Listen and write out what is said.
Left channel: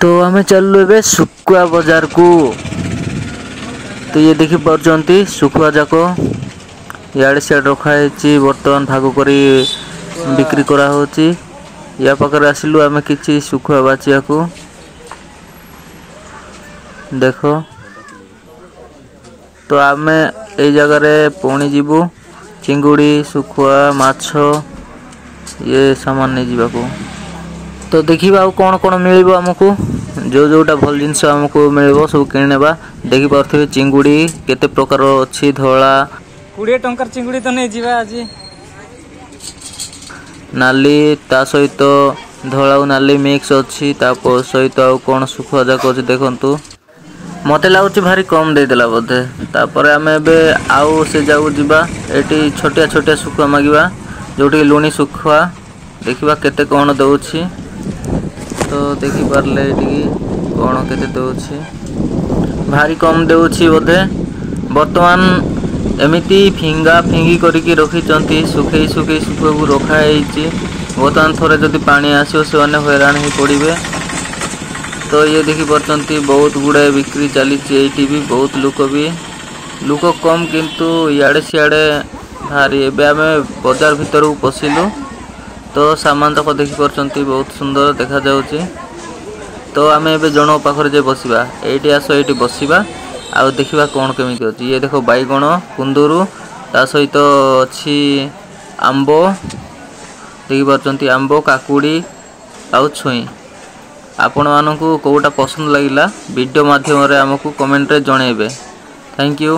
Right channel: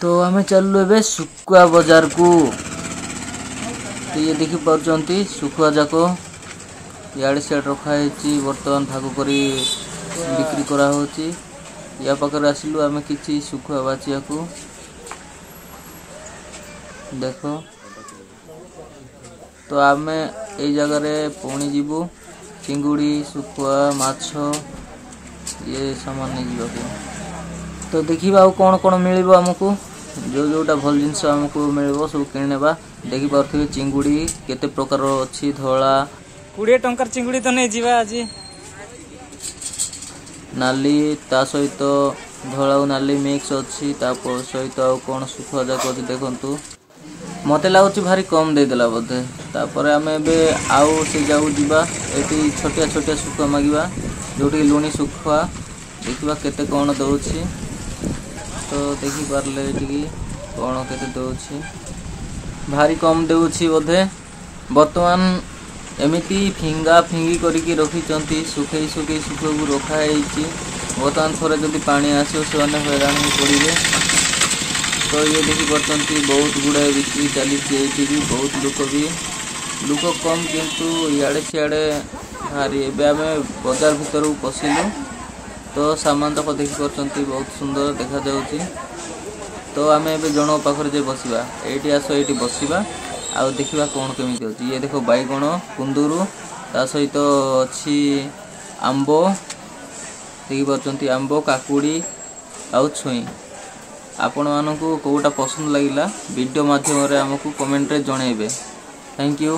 तो आम चलू ए सुखुआ बाजार को। तो ये देखी पार्टी सुखुआ जाक इे सियाड़ रखाई बर्तमान भाग कर बिक्री करा होची। या पाखरे आसिलु आम कि सुखुआ बाचिया को देख। तो आम ए जगह पुणी जीवु चिंगुड़ी सुखुआ माछ ये सामान नहीं जीवाको। तो देखिबा कौन कौन मिल आमको जो जोटा भल जिनस आमको मिल सब किणवा। देखी पारे चिंगुड़ी केते प्रकार अच्छी धला 20 टंकार चिंगुड़ी तो नहीं जीवा आज नाली ता सहित धला नाली मिक्स अच्छी सहित कौन सुखुआ जाक अच्छे देखु। मत लगुच भारी कम देदेला बोधे। तापर आम एवं आउ से जाऊ जीवा एटी छोटिया छोटिया सुखुआ मागिबा जोटी लुणी सुखुआ देखिबा केते कौन दउछि। तो देखी पारले एटी कौन केते दउछि भारी कम देउछि बोधे। वर्तमान एमिति फिंगा फिंगी करके रखी सुखे सुखे सुखुआ को रखाई। बर्तमान थोड़े जदि पानी आसो से हैरान ही पड़े। तो ये देखी पार्टी बहुत गुड़ाए बिक्री चली भी बहुत लोक कम किंतु इे सियाड़े भारी। एवं आम बाजार भीतर को पशिलु तो सामान तक देखी पार्टी बहुत सुंदर देखा जाउची। तो आम ए जन पाखरे जे बसवा ये आस ये बसवा आउ देखा कौन केमी अच्छी। ये देख बैगण कुंदूरु ता सहित अच्छी आंब देखी पार्टी आंब काकुड़ी आउ छुई। आपण मानकु कोटा पसंद लगिला वीडियो माध्यम रे हमकु कमेंट रे जणेबे। Thank you.